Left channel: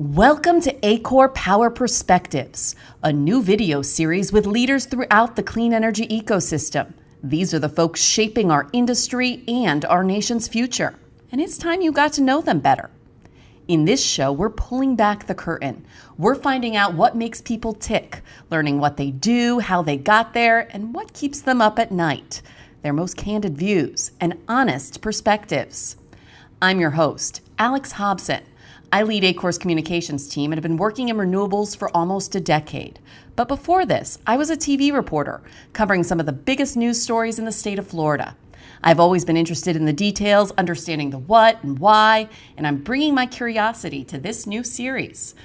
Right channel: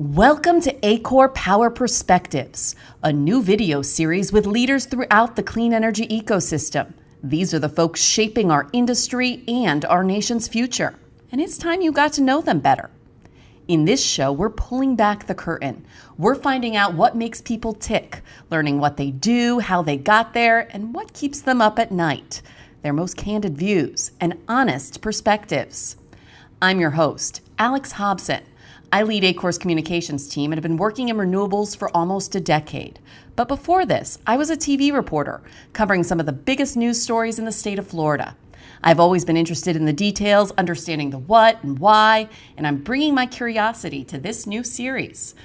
Welcome to ACORE Power Perspectives, a new video series with leaders throughout the clean energy ecosystem. These are the folks shaping our industry and our nation's future, and it's time you got to know them better. In this show, we're pulling back the curtain. We're finding out what makes people tick, learning what they do, how they got there, and what keeps them up at night. Their most candid views and honest perspectives. I'm your host, Alex Hobson. I lead ACORE's communications team and have been working in renewables for almost a decade. But before this, I was a TV reporter covering some of the biggest news stories in the state of Florida. I've always been interested in the details, understanding the what and why, and I'm bringing my curiosity to this new series.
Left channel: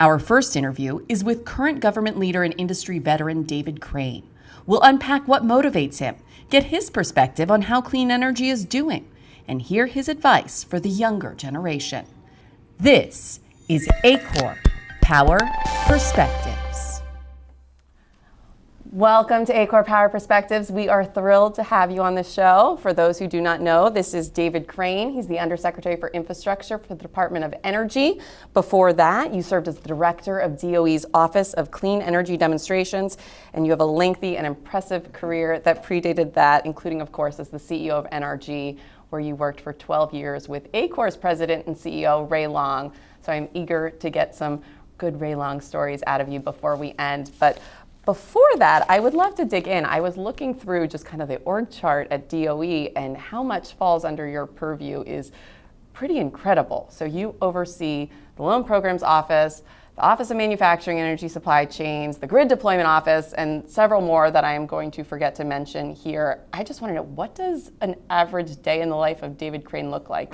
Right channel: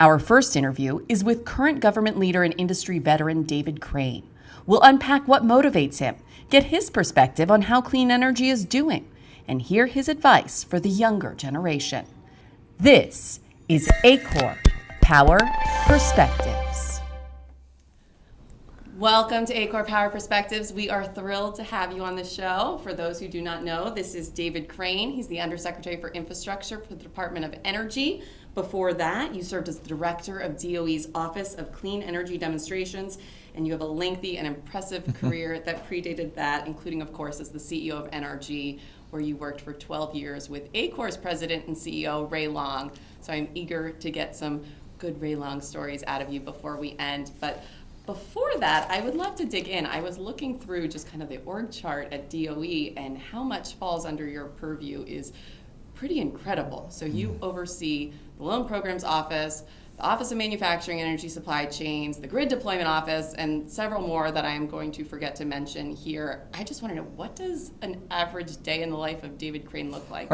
Our first interview is with current government leader and industry veteran David Crane. We'll unpack what motivates him, get his perspective on how clean energy is doing, and hear his advice for the younger generation. This is ACORE Power Perspectives. Welcome to ACORE Power Perspectives. We are thrilled to have you on the show. For those who do not know, this is David Crane. He's the Undersecretary for Infrastructure for the Department of Energy. Before that, you served as the Director of DOE's Office of Clean Energy Demonstrations, and you have a lengthy and impressive career that predated that, including, of course, as the CEO of NRG, where you worked for 12 years with ACORE's president and CEO, Ray Long. So I'm eager to get some good Ray Long stories out of you before we end. But before that, I would love to dig in. I was looking through just kind of the org chart at DOE, and how much falls under your purview is pretty incredible. So you oversee the Loan Programs Office, the Office of Manufacturing Energy Supply Chains, the Grid Deployment Office, and several more that I am going to forget to mention here. I just want to know, what does an average day in the life of David Crane look like?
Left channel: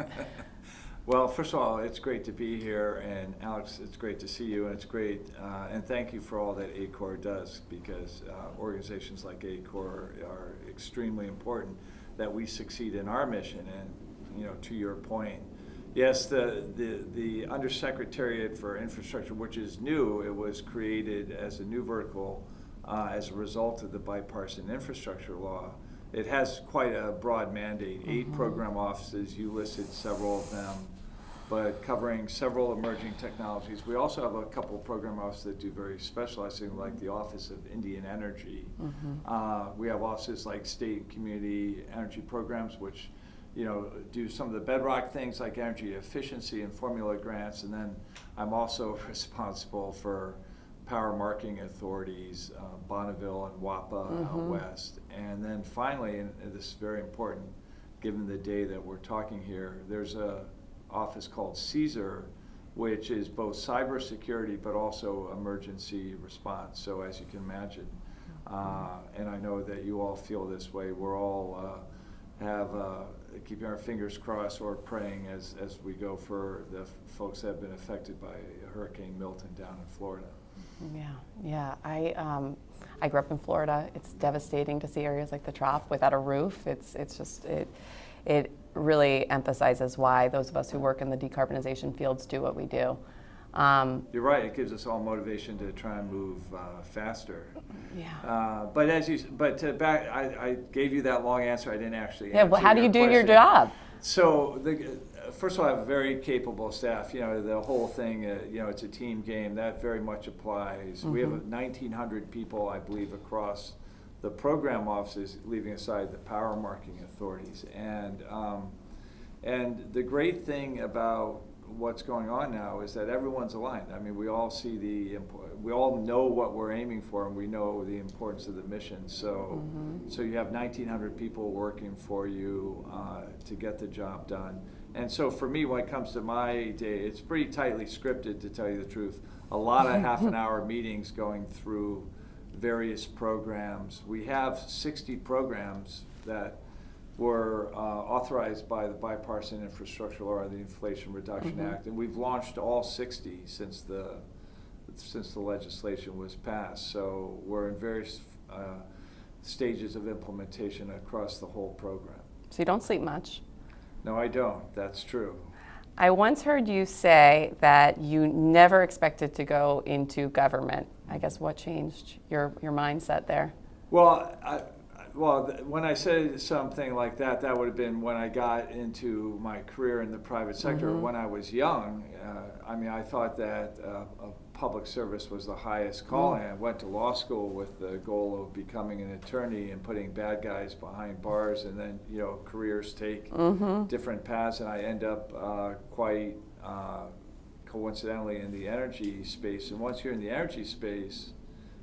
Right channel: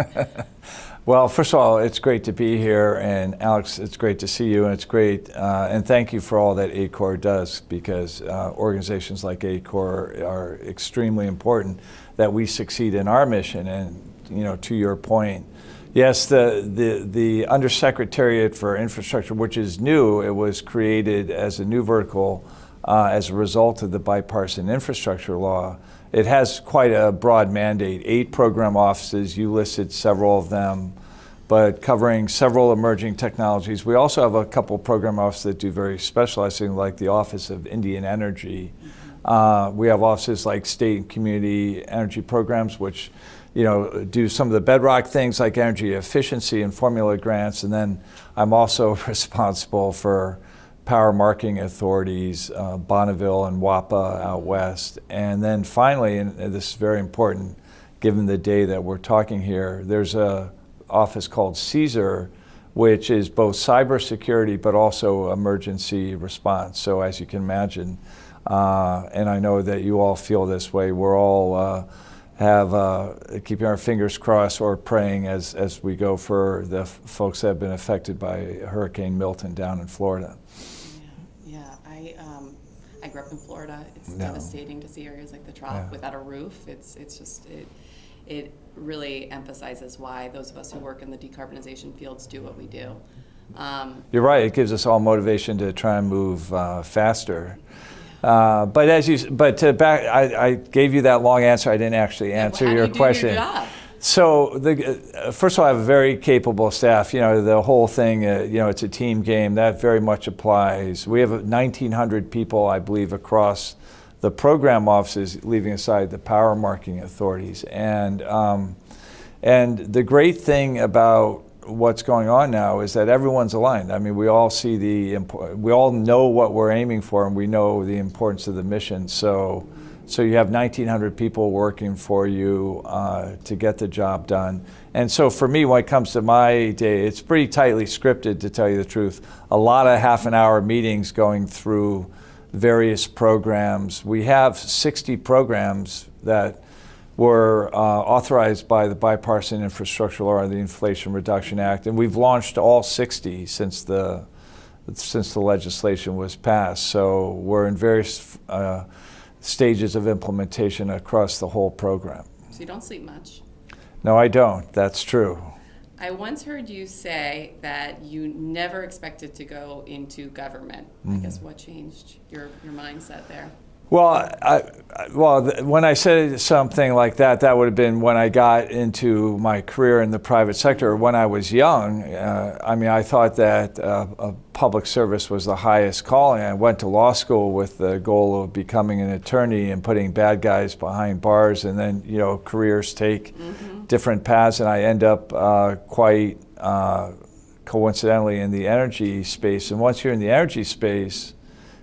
Well, first of all, it's great to be here, and Alex, it's great to see you, and it's great, and thank you for all that ACORE does, because organizations like ACORE are extremely important that we succeed in our mission. And to your point, yes, the Undersecretariat for Infrastructure, which is new, it was created as a new vertical as a result of the bipartisan infrastructure law. It has quite a broad mandate, 8 program offices, you listed several of them, but covering several emerging technologies. We also have a couple program offices that do very specialized things, like the Office of Indian Energy. We have offices like State and Community Energy Programs, which do some of the bedrock things like energy efficiency and formula grants. And then I'm also responsible for power marketing authorities, Bonneville and WAPA out west. And then finally, and this is very important given the day that we're talking here, there's a office called CSER, which is both cybersecurity but also emergency response. So as you can imagine, and I know that you all feel this way, we're all keeping our fingers crossed or praying as we go for the folks that have been affected by Hurricane Milton down in Florida. Yeah. I grew up in Florida. It's devastating to see areas like the Trop without a roof. It really emphasizes why those of us who work in the decarbonization fields do what we do. You're right. It gives us all motivation to try and move faster. I gave you that long answer. I didn't actually answer your question. How do you do your job? So, first of all, I have a very capable staff. The whole thing, it's a team game. That very much applies. We have 1,900 people, I believe, across the program offices, leaving aside the power marketing authorities. And the great thing about what's going on now is that everyone's aligned. I mean, we all see we all know what we're aiming for, and we know the importance of the mission. So you have 1,900 people working for you to get the job done. And so for me, when it comes to my day, it's pretty tightly scripted, to tell you the truth. A lot of half-an-hour meetings going through various programs. We have 60 programs that were authorized by the Bipartisan Infrastructure Law, the Inflation Reduction Act, and we've launched all 60 since the legislation was passed. So we're in various stages of implementation across the whole program. So you don't sleep much? No, I don't. That's true. I once heard you say that you never expected to go into government. I guess what changed your mindset there? When I said something like that, that would have been when I got into my career in the private sector. When I was young, I thought that public service was the highest calling. I went to law school with the goal of becoming an attorney and putting bad guys behind bars, and then, careers take different paths, and I end up quite coincidentally in the energy space. And once you're in the energy space,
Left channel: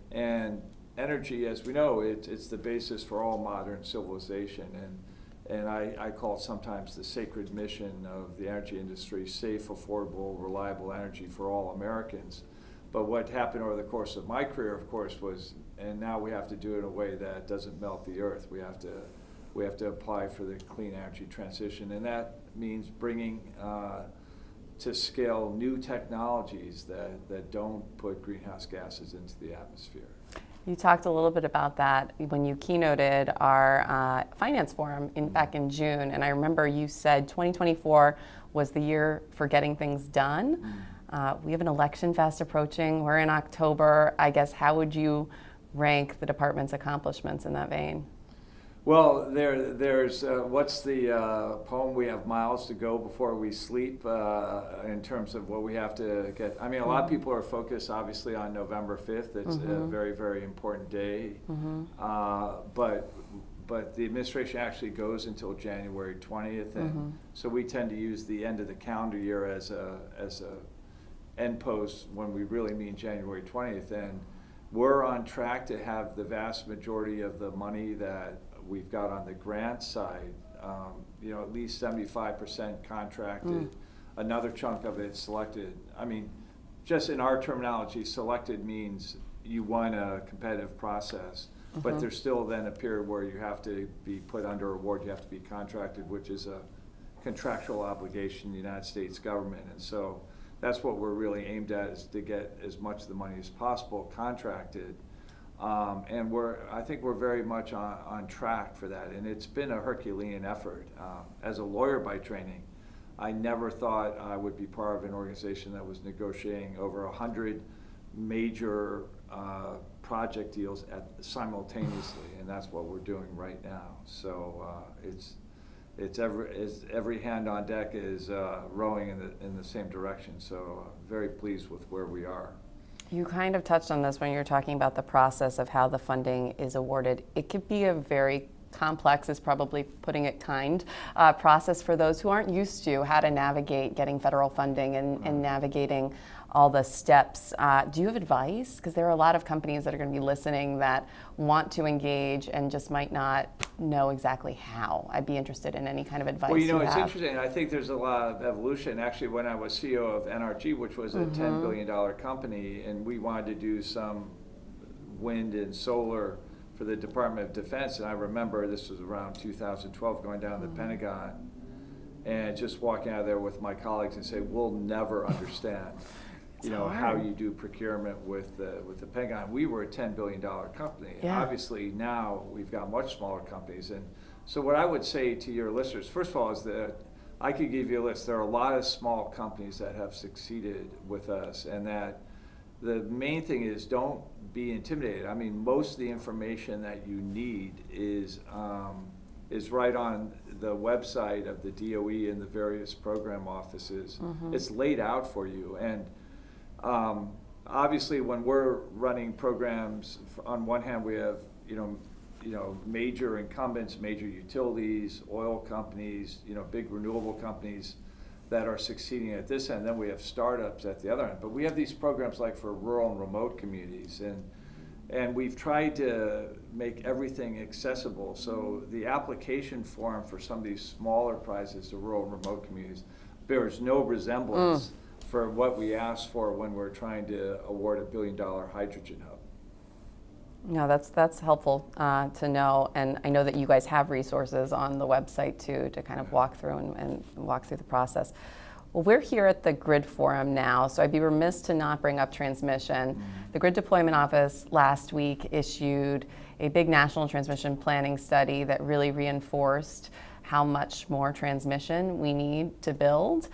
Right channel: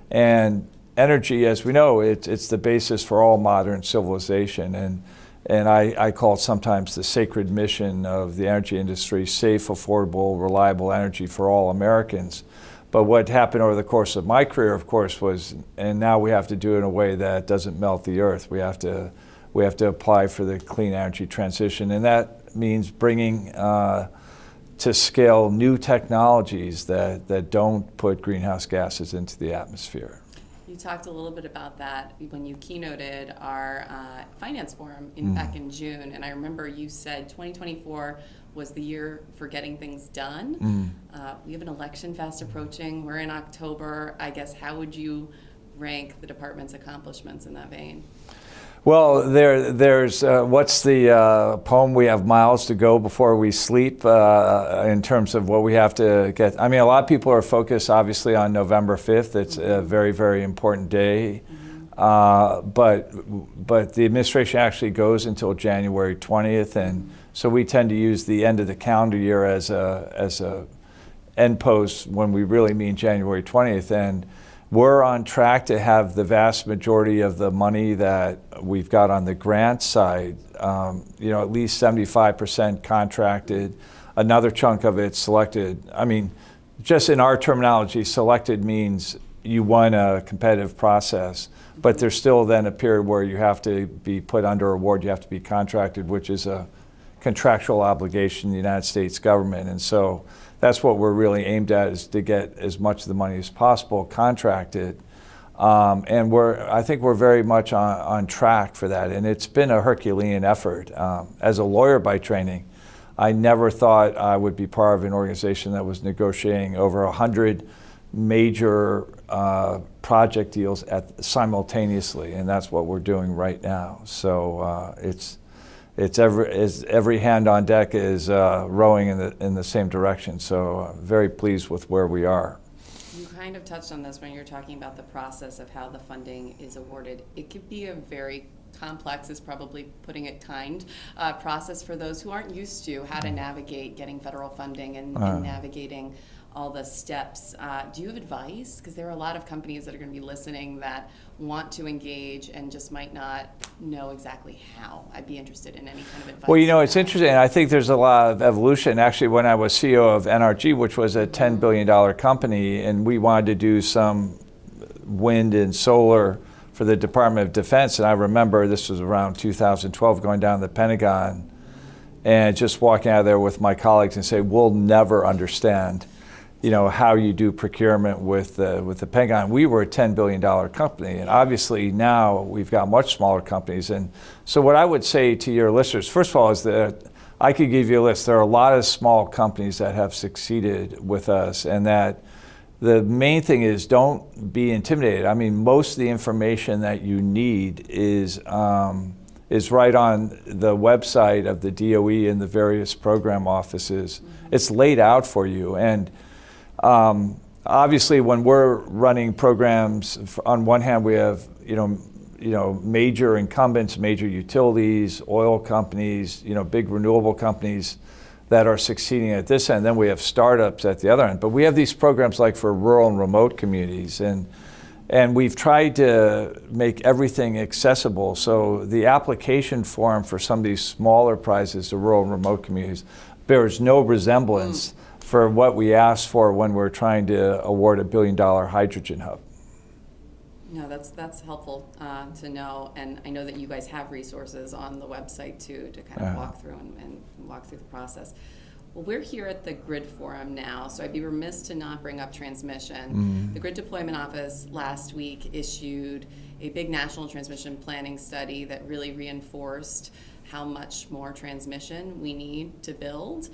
and energy, as we know, it's the basis for all modern civilization, and I call it sometimes the sacred mission of the energy industry: safe, affordable, reliable energy for all Americans. But what happened over the course of my career, of course, was, and now we have to do it in a way that doesn't melt the earth. We have to apply for the clean energy transition, and that means bringing to scale new technologies that don't put greenhouse gases into the atmosphere. You talked a little bit about that when you keynoted our finance forum back in June, and I remember you said 2024 was the year for getting things done. We have an election fast approaching. We're in October. I guess, how would you rank the department's accomplishments in that vein? Well, there's what's the poem? We have miles to go before we sleep, in terms of what we have to get. A lot of people are focused, obviously, on November 5th. It's a very, very important day. But the administration actually goes until January 20th, and so we tend to use the end of the calendar year as a end post when we really mean January 20th. And we're on track to have the vast majority of the money that we've got on the grant side, at least 75% contracted, another chunk of it selected. Just in our terminology, selected means you won a competitive process, but there's still then a period where you have to be put under award, you have to be contracted, which is a contractual obligation in the United States government. And so that's what we're really aimed at, is to get as much of the money as possible contracted. And I think we're very much on track for that. And it's been a Herculean effort. As a lawyer by training, I never thought I would be part of an organization that was negotiating over 100 major project deals simultaneously, and that's what we're doing right now. So every hand on deck is rowing in the same direction. So very pleased with where we are. You kind of touched on this when you're talking about the process of how the funding is awarded. It could be a very complex, is probably putting it kind, process for those who aren't used to how to navigate getting federal funding and navigating all the steps. Do you have advice? Because there are a lot of companies that are going to be listening that want to engage and just might not know exactly how. I'd be interested in any kind of advice. Well, it's interesting. I think there's a lot of evolution. Actually, when I was CEO of NRG, which was a $10 billion company, and we wanted to do some wind and solar for the Department of Defense, and I remember this was around 2012, going down to the Pentagon and just walking out of there with my colleagues and say, we'll never understand how you do procurement with the Pentagon. We were a $10 billion company, and obviously now we've got much smaller companies. And so what I would say to your listeners, first of all, is that I could give you a list. There are a lot of small companies that have succeeded with us, and that the main thing is don't be intimidated. Most of the information that you need is right on the website of the DOE and the various program offices. It's laid out for you. And obviously, when we're running programs, on one hand, we have major incumbents, major utilities, oil companies, big renewable companies that are succeeding at this end. Then we have startups at the other end. But we have these programs like for rural and remote communities, and we've tried to make everything accessible. So the application form for some of these smaller prizes to rural and remote communities bears no resemblance for what we asked for when we're trying to award a $1 billion hydrogen hub. No, that's helpful to know, and I know that you guys have resources on the website too to kind of walk through and walk through the process. Well, we're here at the Grid Forum now, so I'd be remiss to not bring up transmission. The Grid Deployment Office last week issued a big national transmission planning study that really reinforced how much more transmission we need to build.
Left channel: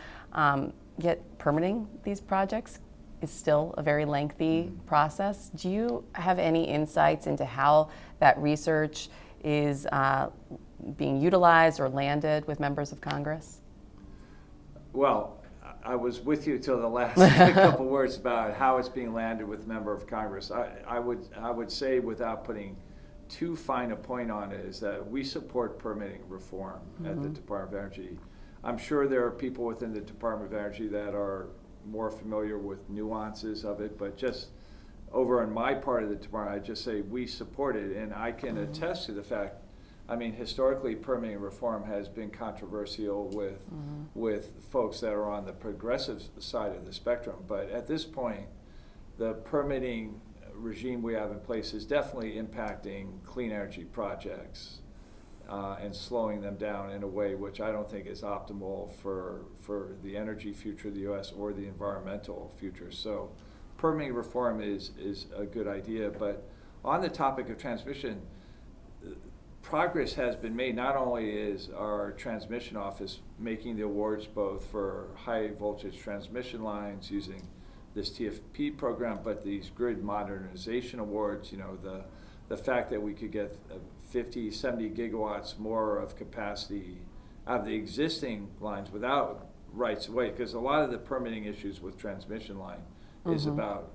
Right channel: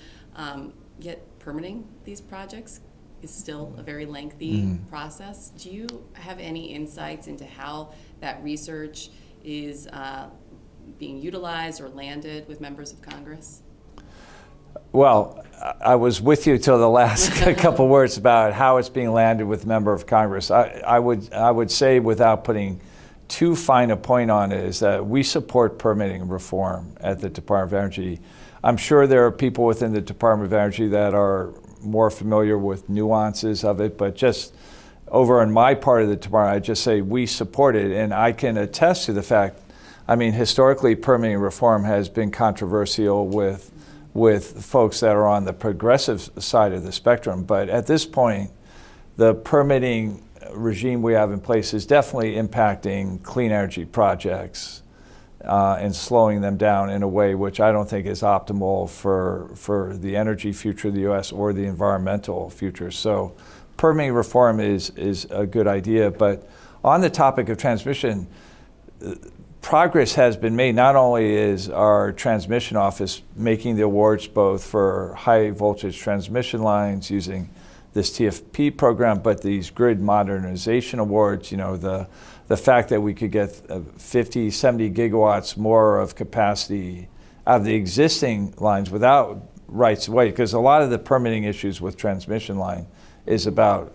Yet permitting these projects is still a very lengthy process. Do you have any insights into how that research is being utilized or landed with members of Congress? Well, I was with you till the last couple words about how it's being landed with member of Congress. I would say, without putting too fine a point on it, is that we support permitting reform at the Department of Energy. I'm sure there are people within the Department of Energy that are more familiar with nuances of it, but just over in my part of the department, I just say we support it, and I can attest to the fact, I mean, historically permitting reform has been controversial with folks that are on the progressive side of the spectrum, but at this point, the permitting regime we have in place is definitely impacting clean energy projects and slowing them down in a way which I don't think is optimal for the energy future of the U.S. or the environmental future. So permitting reform is a good idea, but on the topic of transmission, progress has been made. Not only is our transmission office making the awards both for high voltage transmission lines using this TFP program, but these grid modernization awards, you know, the fact that we could get 50, 70 gigawatts more of capacity out of the existing lines without rights of way, because a lot of the permitting issues with transmission line is about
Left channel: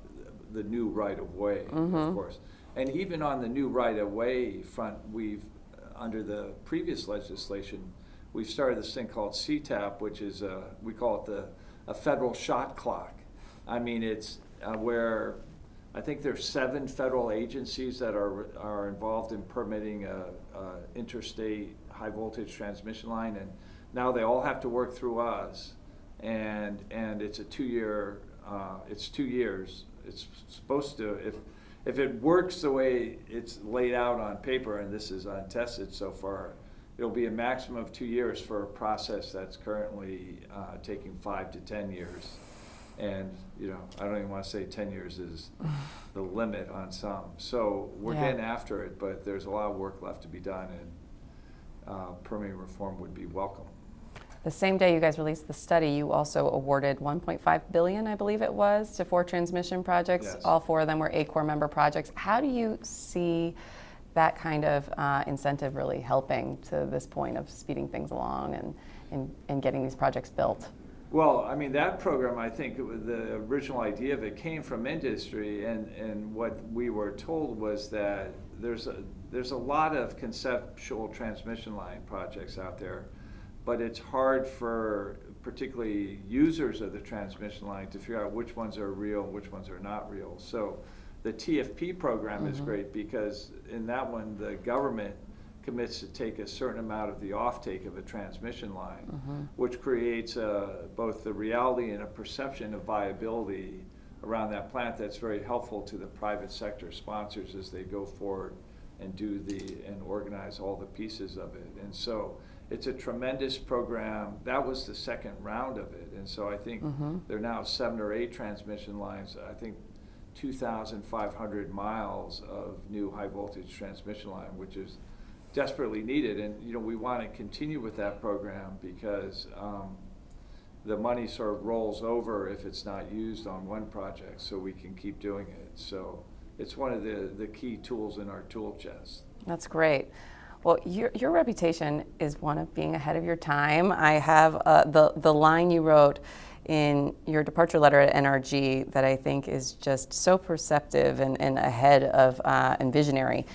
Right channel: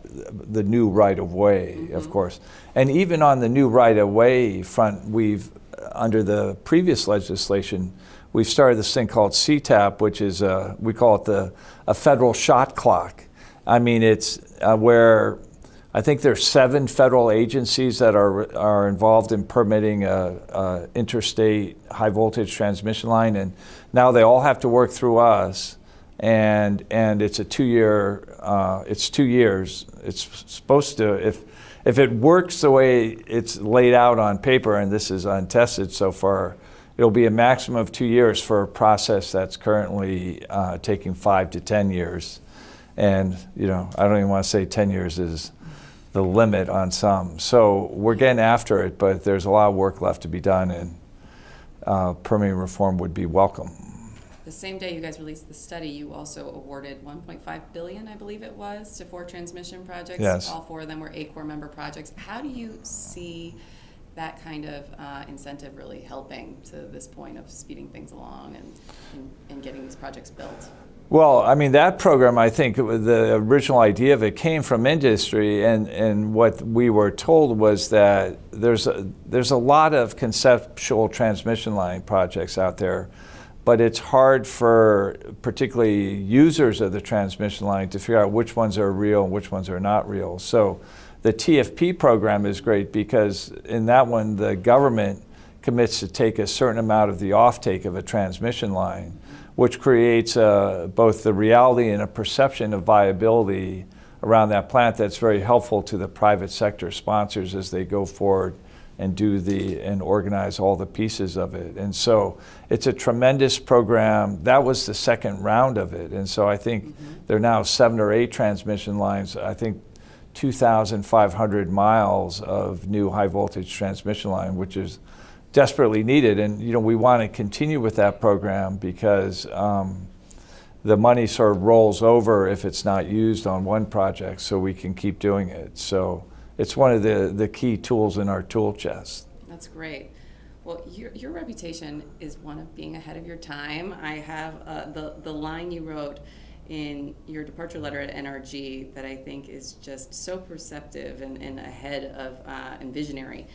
the new right of way, of course. And even on the new right of way front, we've, under the previous legislation, we've started this thing called CTAP, which is, we call it a federal shot clock. I mean, it's where I think there's 7 federal agencies that are involved in permitting a interstate high voltage transmission line, and now they all have to work through us, and it's a 2-year, it's 2 years. It's supposed to, if it works the way it's laid out on paper, and this is untested so far, it'll be a maximum of 2 years for a process that's currently taking 5 to 10 years. And, you know, I don't even want to say 10 years is the limit on some. So we're getting after it, but there's a lot of work left to be done, and permitting reform would be welcome. The same day you guys released the study, you also awarded $1.5 billion, I believe it was, to 4 transmission projects. Yes. All 4 of them were ACORE member projects. How do you see that kind of incentive really helping to this point of speeding things along and getting these projects built? Well, I mean, that program, I think the original idea of it came from industry, and what we were told was that there's a lot of conceptual transmission line projects out there, but it's hard for particularly users of the transmission line to figure out which ones are real and which ones are not real. So the TFP program is great because in that one, the government commits to take a certain amount of the offtake of a transmission line, which creates both the reality and a perception of viability around that plant that's very helpful to the private sector sponsors as they go forward and and organize all the pieces of it. And so it's a tremendous program. That was the second round of it. And so I think there are now 7 or 8 transmission lines, I think 2,500 miles of new high voltage transmission line, which is desperately needed. And you know, we want to continue with that program because the money sort of rolls over if it's not used on one project, so we can keep doing it. So it's one of the key tools in our tool chest. That's great. Well, your reputation is one of being ahead of your time. I have the line you wrote in your departure letter at NRG that I think is just so perceptive and ahead of and visionary.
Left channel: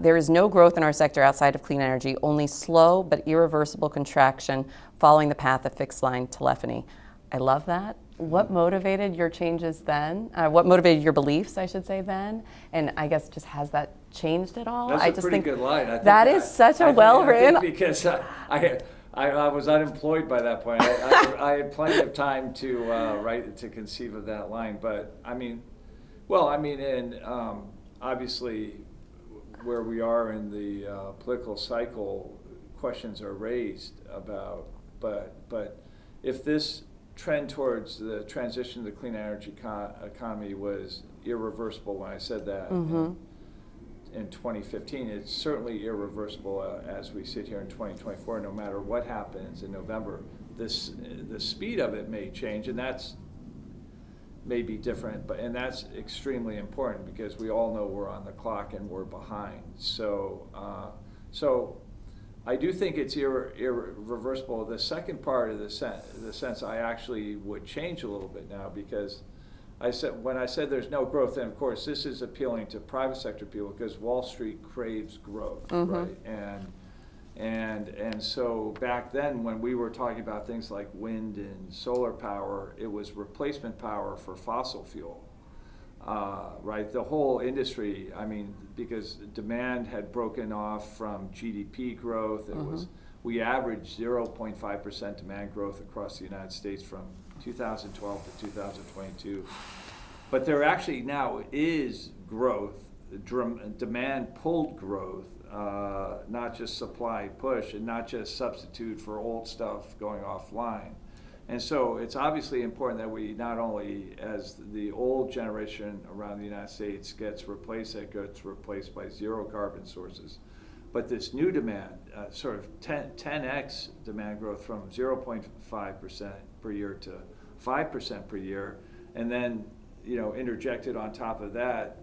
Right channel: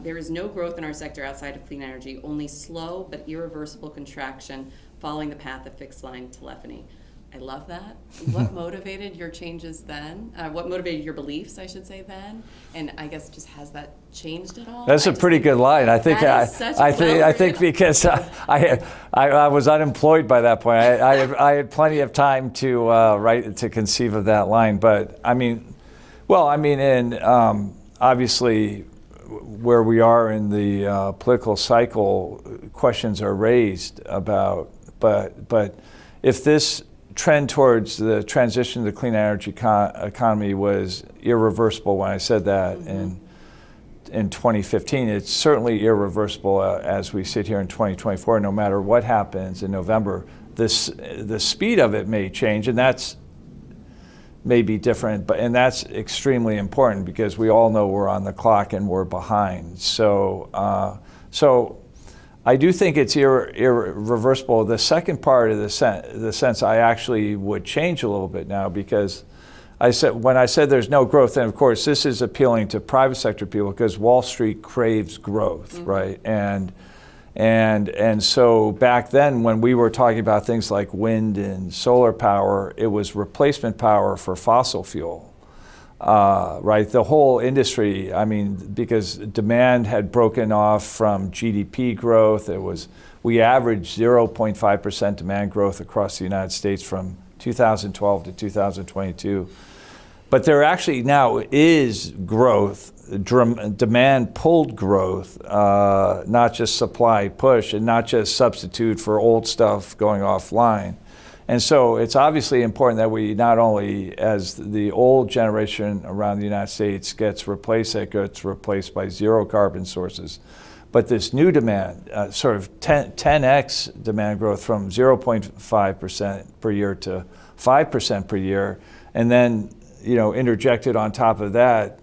There is no growth in our sector outside of clean energy, only slow but irreversible contraction following the path of fixed line telephony. I love that. What motivated your changes then? What motivated your beliefs, I should say, then? And I guess just has that changed at all? That's a pretty good line. I think that is such a well-written. I think because I was unemployed by that point. I had plenty of time to conceive of that line. But I mean, and obviously where we are in the political cycle, questions are raised about. But if this trend towards the transition to the clean energy economy was irreversible when I said that in 2015, it's certainly irreversible as we sit here in 2024. No matter what happens in November, the speed of it may change, and that's may be different, and that's extremely important because we all know we're on the clock and we're behind. So I do think it's irreversible. The second part of the sense I actually would change a little bit now, because when I said there's no growth, and of course this is appealing to private sector people because Wall Street craves growth, right? And so back then when we were talking about things like wind and solar power, it was replacement power for fossil fuel. Right, the whole industry, I mean, because demand had broken off from GDP growth. We averaged 0.5% demand growth across the United States from 2012 to 2022. But there actually now is growth, demand pulled growth, not just supply push, and not just substitute for old stuff going offline. And so it's obviously important that we not only, as the old generation around the United States gets replaced by zero carbon sources, but this new demand, sort of 10x demand growth from 0.5% per year to 5% per year, and then interjected on top of that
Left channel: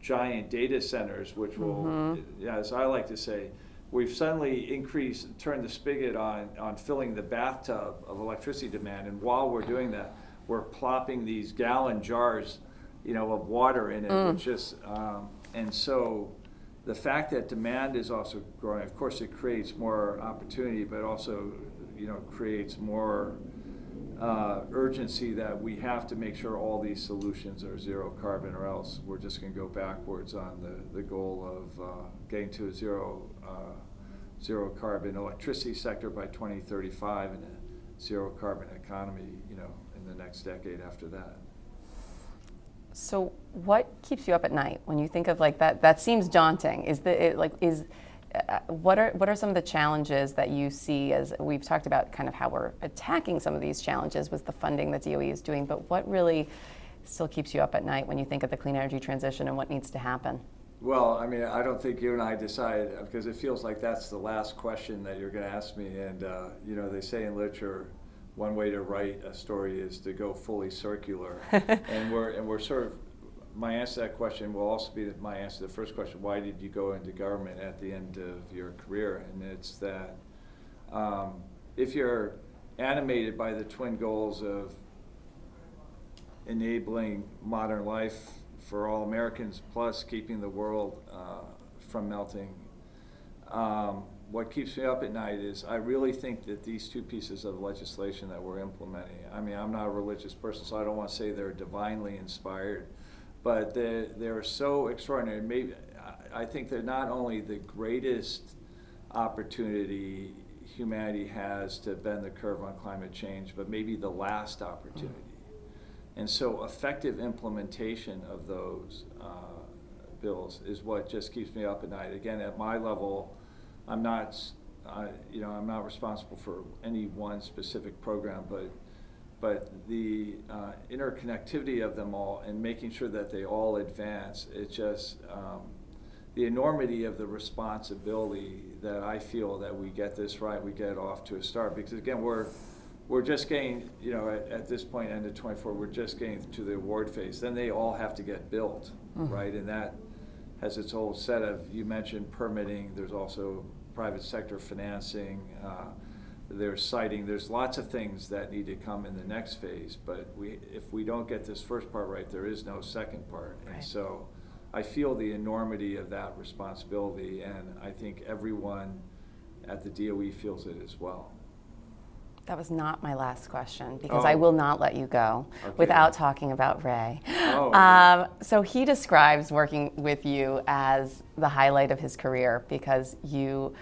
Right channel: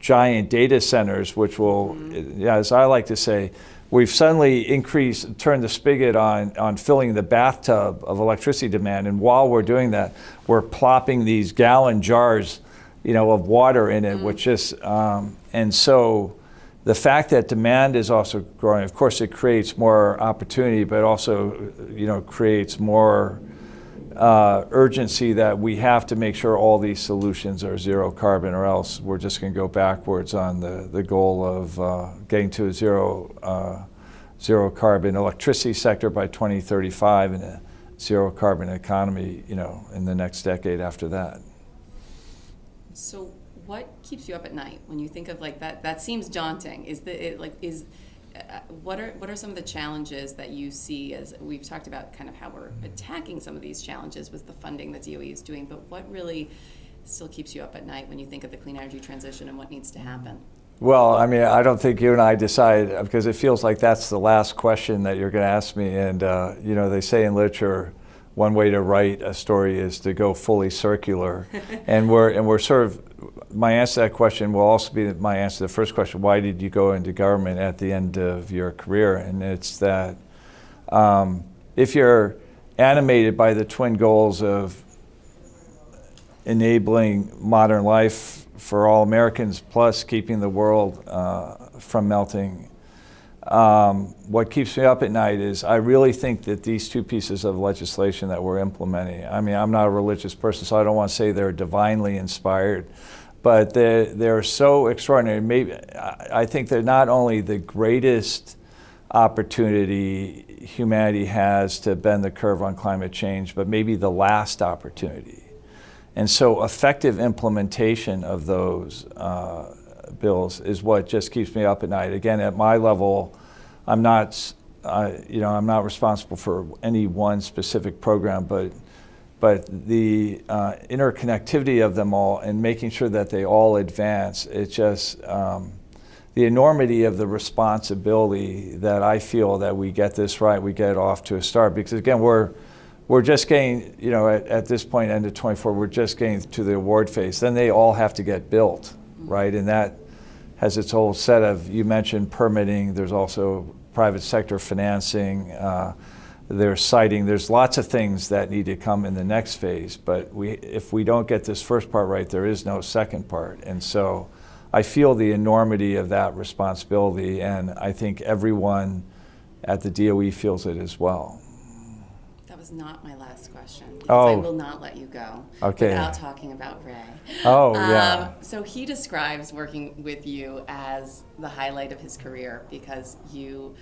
giant data centers, which will, as I like to say, we've suddenly turned the spigot on filling the bathtub of electricity demand, and while we're doing that, we're plopping these gallon jars, of water in it, which is, and so the fact that demand is also growing, of course, it creates more opportunity, but also, creates more urgency that we have to make sure all these solutions are zero carbon, or else we're just going to go backwards on the goal of getting to a zero carbon electricity sector by 2035 and a zero carbon economy, in the next decade after that. So what keeps you up at night when you think of like that? That seems daunting. What are some of the challenges that you see, as we've talked about kind of how we're attacking some of these challenges with the funding that DOE is doing, but what really still keeps you up at night when you think of the clean energy transition and what needs to happen? Well, I mean, I don't think you and I decide, because it feels like that's the last question that you're going to ask me. And, they say in literature, one way to write a story is to go fully circular. and we're sort of, my answer to that question will also be my answer to the first question: why did you go into government at the end of your career? And it's that if you're animated by the twin goals of enabling modern life for all Americans, plus keeping the world from melting, what keeps me up at night is I really think that these two pieces of legislation that we're implementing, I mean, I'm not a religious person, so I don't want to say they're divinely inspired, but they're so extraordinary. Maybe I think they're not only the greatest opportunity humanity has to bend the curve on climate change, but maybe the last opportunity. And so effective implementation of those bills is what just keeps me up at night. Again, at my level, I'm not responsible for any one specific program, but the interconnectivity of them all and making sure that they all advance, it's just the enormity of the responsibility that I feel that we get this right, we get off to a start. Because again, we're just getting, at this point, end of 24, we're just getting to the award phase. Then they all have to get built, right? And that has its whole set of, you mentioned permitting, there's also private sector financing, there's siting, there's lots of things that need to come in the next phase. But if we don't get this first part right, there is no second part. And so I feel the enormity of that responsibility, and I think everyone at the DOE feels it as well. That was not my last question, because I will not let you go without talking about Ray. Yeah. So he describes working with you as the highlight of his career, because you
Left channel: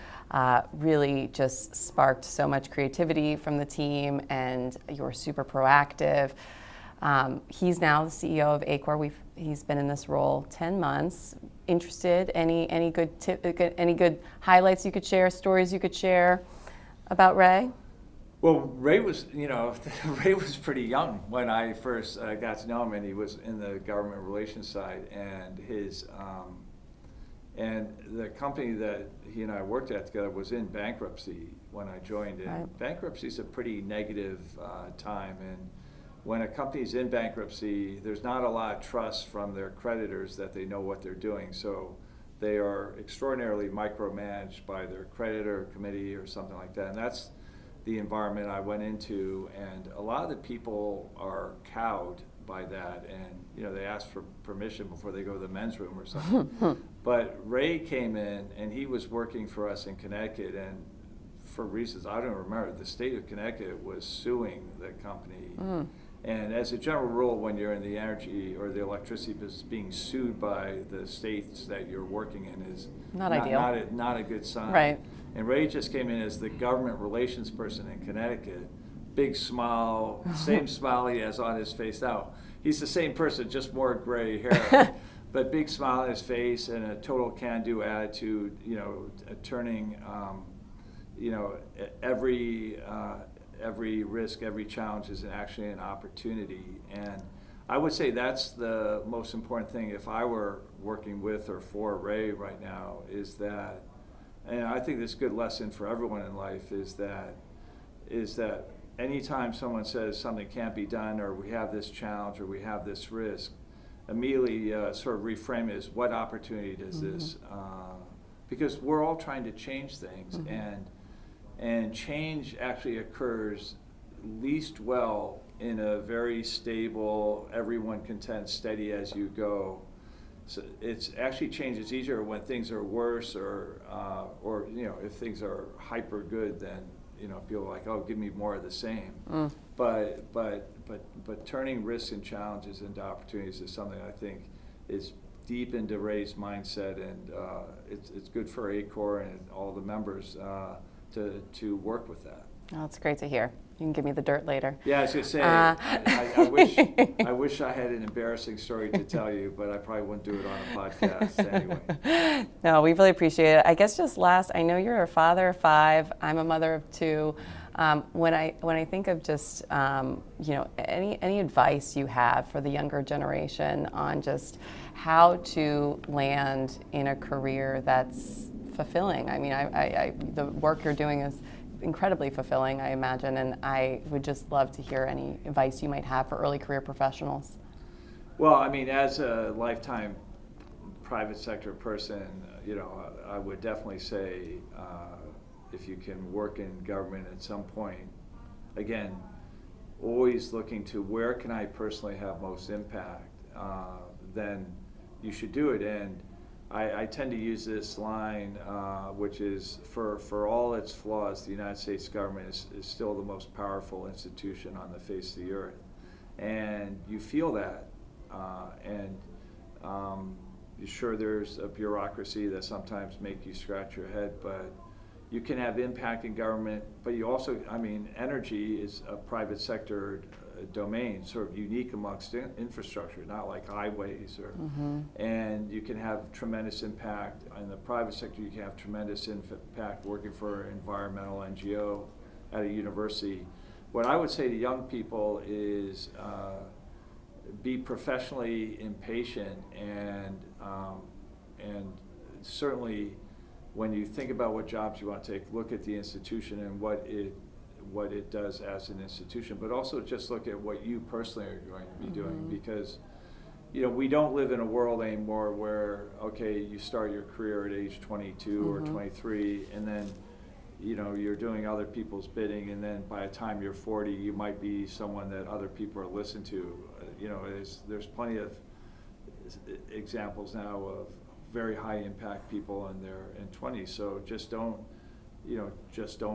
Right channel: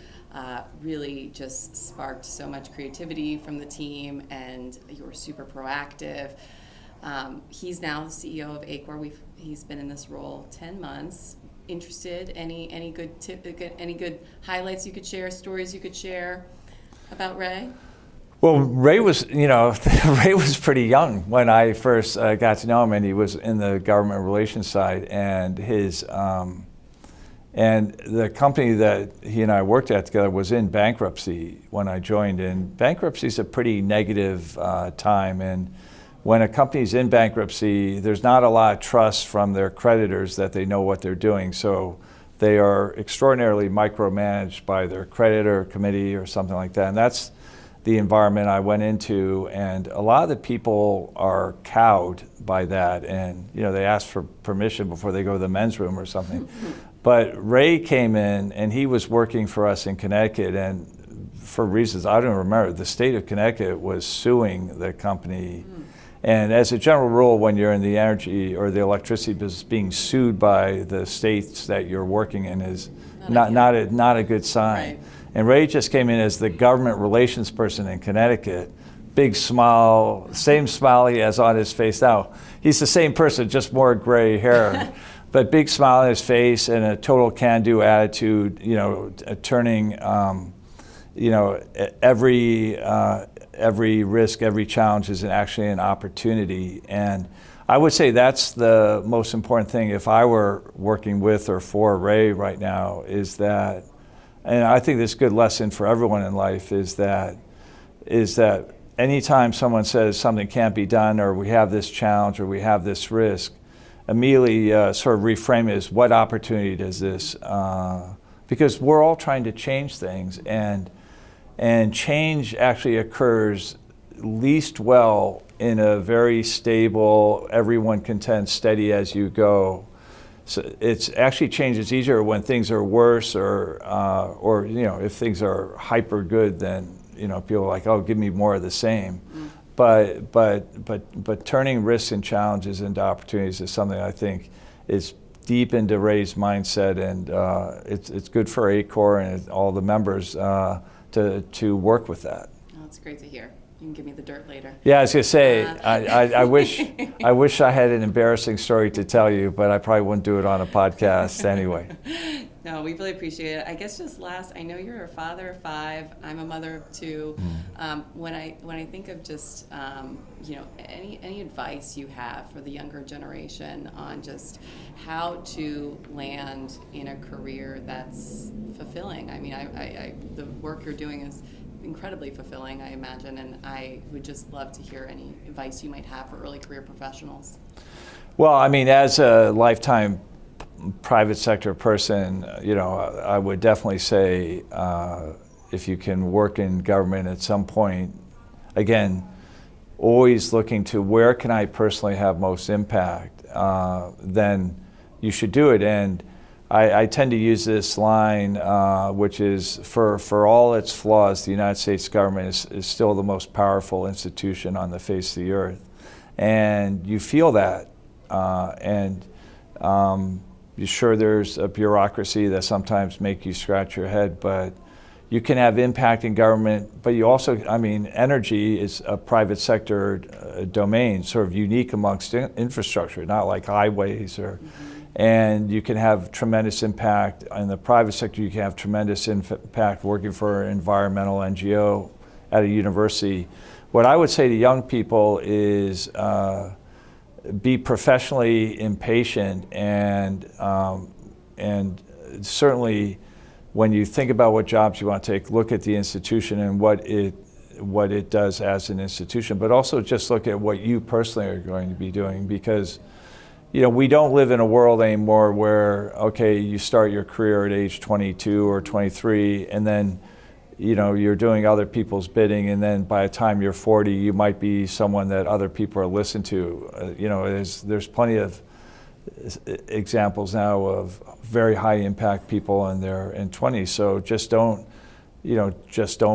really just sparked so much creativity from the team, and you're super proactive. He's now the CEO of ACORE. He's been in this role 10 months. Interested? Any good highlights you could share, stories you could share about Ray? Well, Ray was pretty young when I first got to know him, and he was in the government relations side, and and the company that he and I worked at together was in bankruptcy when I joined. And bankruptcy is a pretty negative time, and when a company's in bankruptcy, there's not a lot of trust from their creditors that they know what they're doing. So they are extraordinarily micromanaged by their creditor committee or something like that. And that's the environment I went into. And a lot of the people are cowed by that. And they ask for permission before they go to the men's room or something. But Ray came in and he was working for us in Connecticut, and for reasons I don't remember, the state of Connecticut was suing the company. And as a general rule, when you're in the energy or the electricity business, being sued by the states that you're working in is not a good sign. Right. And Ray just came in as the government relations person in Connecticut. Big smile, same smile he has on his face now. He's the same person, just more gray hair. But big smile on his face and a total can-do attitude, turning every risk, every challenge is actually an opportunity. And I would say that's the most important thing if I were working with or for Ray right now, is that, and I think this is a good lesson for everyone in life, is that anytime someone says something can't be done, or we have this challenge, or we have this risk, immediately sort of reframe it as, what opportunity does this, because we're all trying to change things, and change actually occurs least well in a very stable, everyone content, steady as you go. So it's actually change is easier when things are worse, or if things are hyper good, then people are like, oh, give me more of the same. But turning risks and challenges into opportunities is something I think is deep into Ray's mindset, and it's good for ACORE and all the members to work with that. Oh, that's great to hear. You can give me the dirt later. Yeah, I was gonna say, I wish I had an embarrassing story to tell you, but I probably wouldn't do it on a podcast anyway. No, we really appreciate it. I guess just last, I know you're a father of 5. I'm a mother of 2. When I think of just any advice you have for the younger generation on just how to land in a career that's fulfilling. I mean, the work you're doing is incredibly fulfilling, I imagine, and I would just love to hear any advice you might have for early career professionals. Well, I mean, as a lifetime private sector person, I would definitely say if you can work in government at some point, again, always looking to where can I personally have most impact, then you should do it. And I tend to use this line, which is, for all its flaws, the United States government is still the most powerful institution on the face of the earth. And you feel that. You're sure there's a bureaucracy that sometimes make you scratch your head, but you can have impact in government. But you also, energy is a private sector domain, sort of unique amongst infrastructure, not like highways or. And you can have tremendous impact in the private sector. You can have tremendous impact working for an environmental NGO at a university. What I would say to young people is be professionally impatient, and certainly when you think about what jobs you want to take, look at the institution and what it does as an institution, but also just look at what you personally are going to be doing, because we don't live in a world anymore where, okay, you start your career at age 22 or 23, and then, you're doing other people's bidding, and then by the time you're 40, you might be someone that other people are listening to. There's plenty of examples now of very high impact people in their 20s. So just don't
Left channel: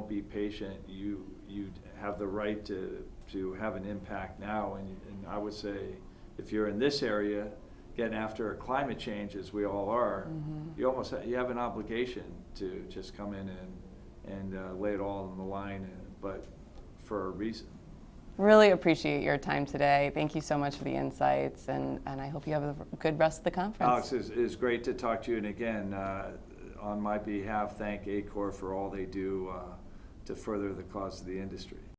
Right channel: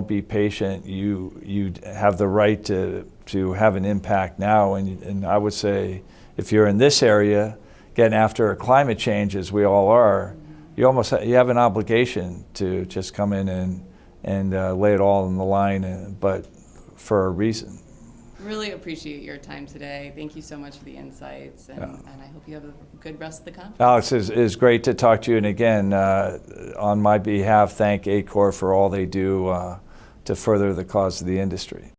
be patient. You have the right to have an impact now, and I would say, if you're in this area, getting after climate change, as we all are, you have an obligation to just come in and lay it all on the line, but for a reason. Really appreciate your time today. Thank you so much for the insights, and I hope you have a good rest of the conference. Alex, it's great to talk to you, and again, on my behalf, thank ACORE for all they do to further the cause of the industry.